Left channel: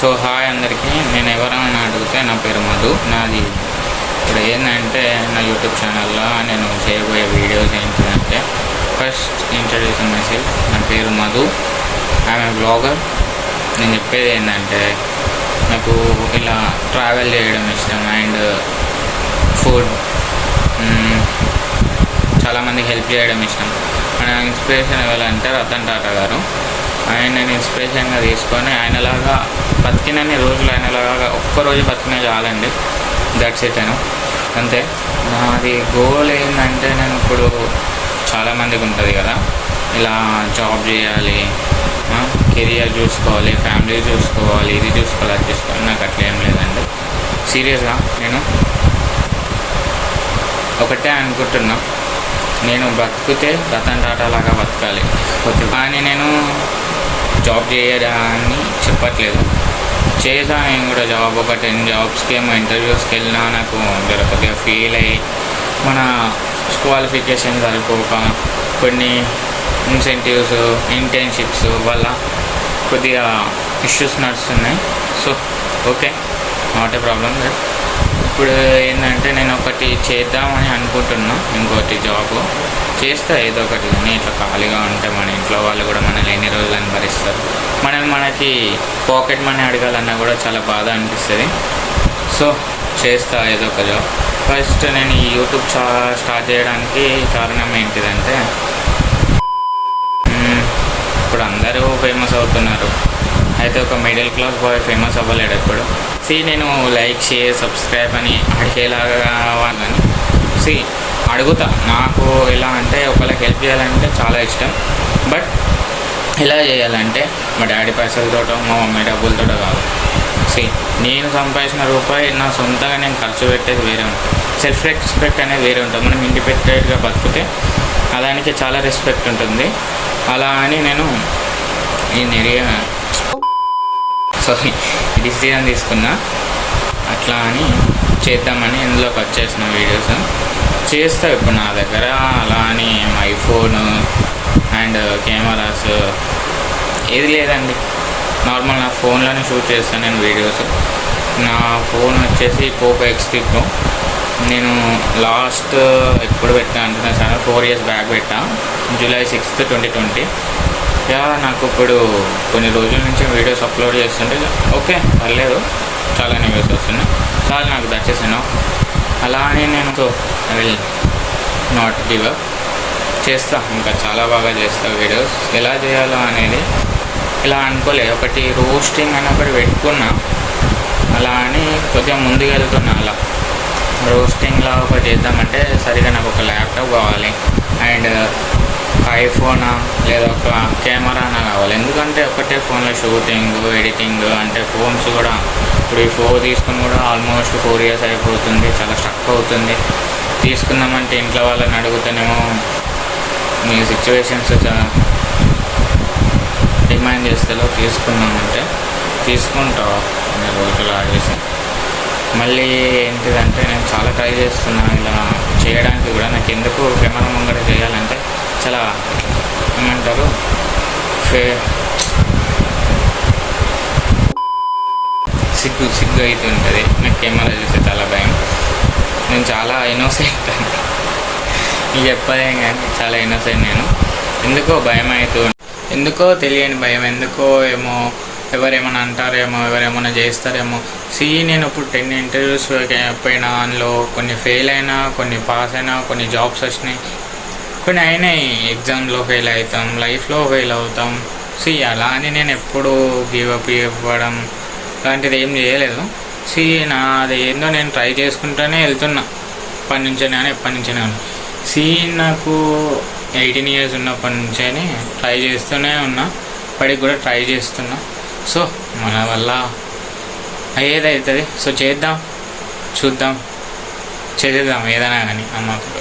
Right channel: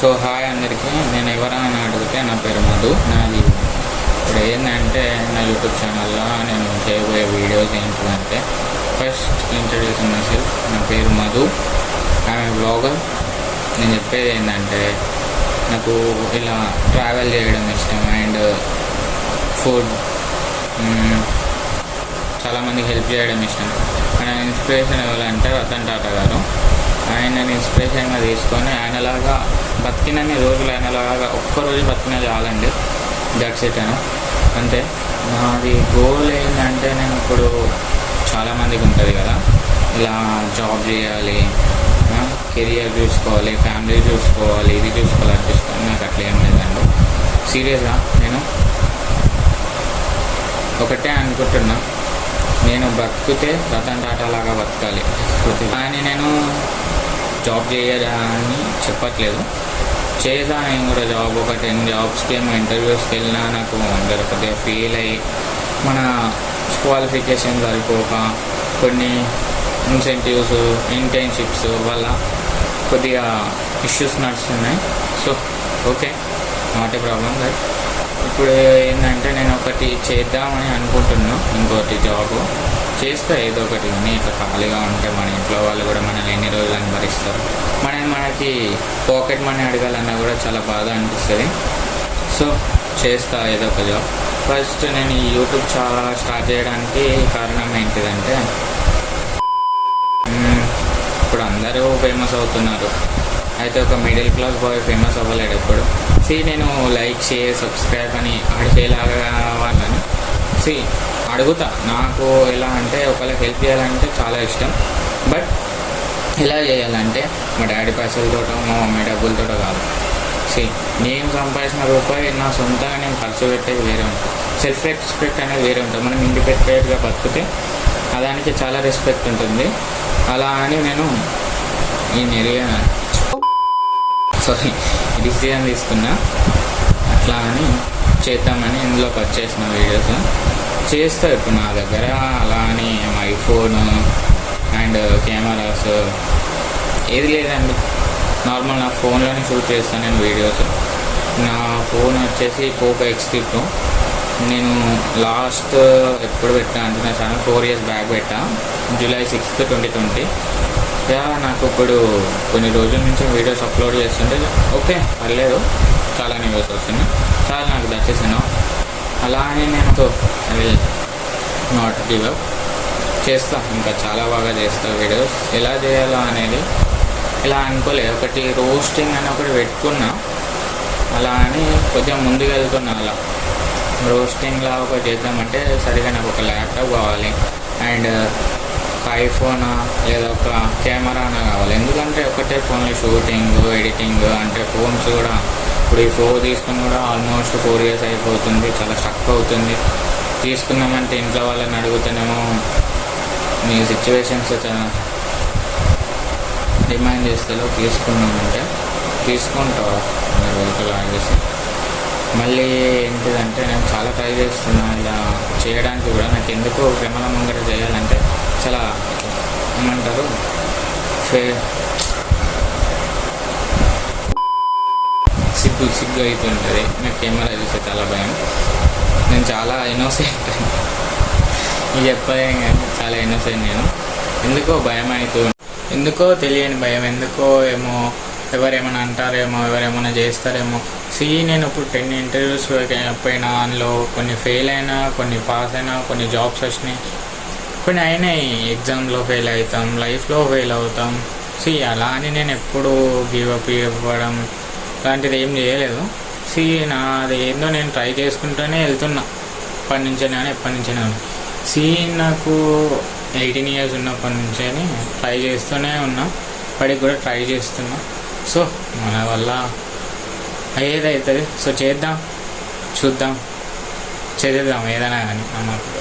So hi అందరికీ. నేను ఎవరైనా అడిగితే నా పేరు మధు. నాది ఇప్పుడు ఏంటంటే నా యూట్యూబ్ ఛానల్లో నేను చేయబోయే వీడియోస్ ఏంటిదంటే, ఫస్ట్ ఇంట్రడ్యూస్ మై సెల్ఫ్. నా పేరు మధు, ఆమె బ్లాగర్. నేను చెప్పేది ఏంటంటే, నాకు ఇలా ట్రావెల్ చేయడం ఇష్టం అండ్ ఫుడ్, చాలామందికి హెల్ప్ చేయడం ఇష్టం. మన ఇన్స్పిరేషన్ ఎవరంటే రతన్ టాటా గారు. ఆయనని ఇన్స్పిరేషన్గా తీసుకొని ఆయనలాగా బతికినన్ని రోజులు ఆయనలాగా ఒక్కరోజు బతికినా చాలండి. That's it. అంతే. నాది గోల్ ఏంటంటే, నేను ఇప్పుడు చాలామందికి ఉంటుంది కదా, ఇలా జాబ్ చేయాలి, కెరియర్ చూసుకోవాలి, ఫ్యామిలీ చూసుకోవాలి, ఇది చూసుకోవాలి, అది చూసుకోవాలి. నాకు అట్లా ఏం లేదండి. సీరియస్గా నేను ఒకటే అనుకుంటున్నా, నేను బతికితే రతన్ టాటా లాగా బతకాలి. కానీ నేను జాబ్ చేయడాన్ని చెప్పట్లేదు, చేసా నేను కూడా జాబ్. ఒక 10 జాబ్స్కి ఏమో ఇంటర్వ్యూస్కి వెళ్ళినా నాకు కొద్దిగా ఫెయిల్ అయ్యి, మన క్వాలిఫికేషన్ సరిపోక, కొన్ని ఇన్సెంటివ్స్, ఇంటర్న్షిప్స్ వల్ల కొద్దిగా ఇష్యూస్ నడుస్తున్నాయి. So okay, not a problem. That ఇప్పుడు ఏంటంటే, నేను ఒకటి చేద్దామని అనుకుంటున్నా, ఇంకోటి జాబ్ చేస్తా ఏదో ఒకటి. కానీ ఇట్లా ఖాళీగా ఉంటే మన ఇంట్లో వాళ్ళు కూడా మనల్ని ఎన్ని రోజులని భరిస్తారు. మనకి పాకెట్ మనీ అడగాలన్నా కూడా చాలా బాధ అనిపిస్తుంది. సో చేస్తా ఏదో ఒక జాబ్. ఫస్ట్ నేను ఈ యూట్యూబ్ స్టార్ట్ చేయడానికి కారణం ఏంటిదంటే, ఇప్పుడు అందరూ ఫేమస్ అవుతున్నారు, అయితే ఒక మిడిల్ క్లాస్ బాయ్ ఫేమస్ అవ్వలేడు ఎప్పుడు. నేను లైక్, షేర్, సబ్స్క్రైబ్ అని అడిగేలాగా వాళ్ళని అడుగుతా. నాకు ఎలా అంటే, ఒకళ్ళకి హెల్ప్ చేయాలంటే చాలా ఇష్టం. బట్ ఎలా చేయాలంటే, మా డాడీ పైసలతోటో మా మమ్మీ డబ్బులతోటో కాదు. నేను సంపాదించిన రూపాయి నా సొంతంగా నేను ఖర్చు పెట్టేది వేరే ఉంటుంది. సెల్ఫ్ రెస్పెక్ట్ అనేది వేరే ఉంటుంది. మనం ఇండిపెండెంట్గా బతికితే దానికి చాలా రెస్పెక్ట్ ఉంటుంది. అలా అని నేను డిసిజన్ తీసుకున్నా. అట్లా అని చేద్దామని ఇందులోకి వచ్చేసిన వీడియోస్ చేస్తా. ఇప్పుడు నా దగ్గర అలా అని ఐఫోన్ అండ్ కెమెరాస్ ఏది లేదండి. నార్మల్ నా ఫోన్లోనే షూట్ చేస్తాను నేను వీడియోస్. నా ఫోన్ వచ్చేసి పోకో X3 Pro. నేను లాస్ట్ ఎప్పుడు పెట్టా అంటే, నా ఛానల్ 4 years బ్యాక్ పెట్టా, July 6th, 2020. నాకు ఇప్పుడు కొన్ని రోజుల నుంచి వీడియోస్ అప్లోడ్ చేస్తుంటే ఓకే పర్లేదు, చాలానే వ్యూస్ వస్తున్నాయి, చాలా నాకు దచ్చేసాను. అలా అని నేను I will not give up, చేస్తా, ఇంకా చాలా బాగా చేస్తా వీడియోస్. ఎలా చేయాలో అనేది ఇలా అనుకోలే, ఒకటి రోస్టింగ్ అని ఒకటి పెట్టుకున్నా, అలా అని కొద్దిగా ముందుకు వెళ్తున్నా. అలా రోస్టింగ్లా ఒకటి చేద్దామంటే సరిగా నాకు ఒక ల్యాప్టాప్ కావాలి అండ్ ఐఫోనా లేదా ఒక కెమెరానా కావాలి. ఎందుకంటే ఒకటే ఫోన్లో షూటింగ్, ఎడిటింగ్ అంటే ఫోన్స్ కూడా ఇప్పుడు ఈ 4 తీసుకుని కూడా ఆల్మోస్ట్ 4 years అయిపోతుంది. చాలా స్ట్రక్ అవుతుంది. తీసుకుందామంటే ఇంట్లో వాళ్ళని అడుగుతానేమో నీ సిచ్యువేషన్స్ డిమాండ్ చేస్తేలో తీసుకుందామంటే తీసుకుంటావు కొన్ని రోజులు ఆగేసి. మళ్ళీ ఏంటిదంటే, నేను చాలా ట్రై చేస్తున్నా ఇలా చేయడానికి కూడా. నాకు ఎందుకు కెమెరా ముంగట చేయాలంటే చాలా ఏమంటారు, సిగ్గు అవుతుంటుంది. నాకు కెమెరా చూస్తే చాలా భయం. నేను చాలా ఇన్నోసెంట్ అని చెప్పలేం, కానీ చాలా ఇన్నోసెంట్ నేను. ఎందుకో భయం అవుతుంది, ఎందుకో తెలియని భయం. ఎందుకో ఏమో ఎవరేమైనా అంటారేమో, ఎవరేమైనా చేస్తారేమో. నేను ఇప్పుడు 10 ఇంటర్వ్యూస్ పోయినా, అందులో కొన్ని ఫెయిల్ అయినా, కొన్ని పాస్ అయినా, కొన్ని జాబ్స్ వచ్చినాయి, కొన్ని అయినాయి. ఎగ్జామ్లో ఫెయిల్ అవుతాం, లైఫ్లో ఫెయిల్ అవుతాం. అలా అని నేను ఎప్పుడు గివప్ ఇవ్వడం లాంటిది ఏం చేయలేదు. నాది ఏందో నేను ట్రై చేసుకుంటూనే వెళ్తున్నా ఎప్పటి నుంచైనా. నాకు 18 years ఉన్నప్పటి నుంచే ట్రై చేస్తూనే ఉన్నా, ఇప్పటికి కూడా ట్రై చేస్తున్నా. సో మన వల్ల ఏదవుతుంది. చేద్దాం, చూద్దాం, చేద్దాం ఏదైనా కానీ. మాకు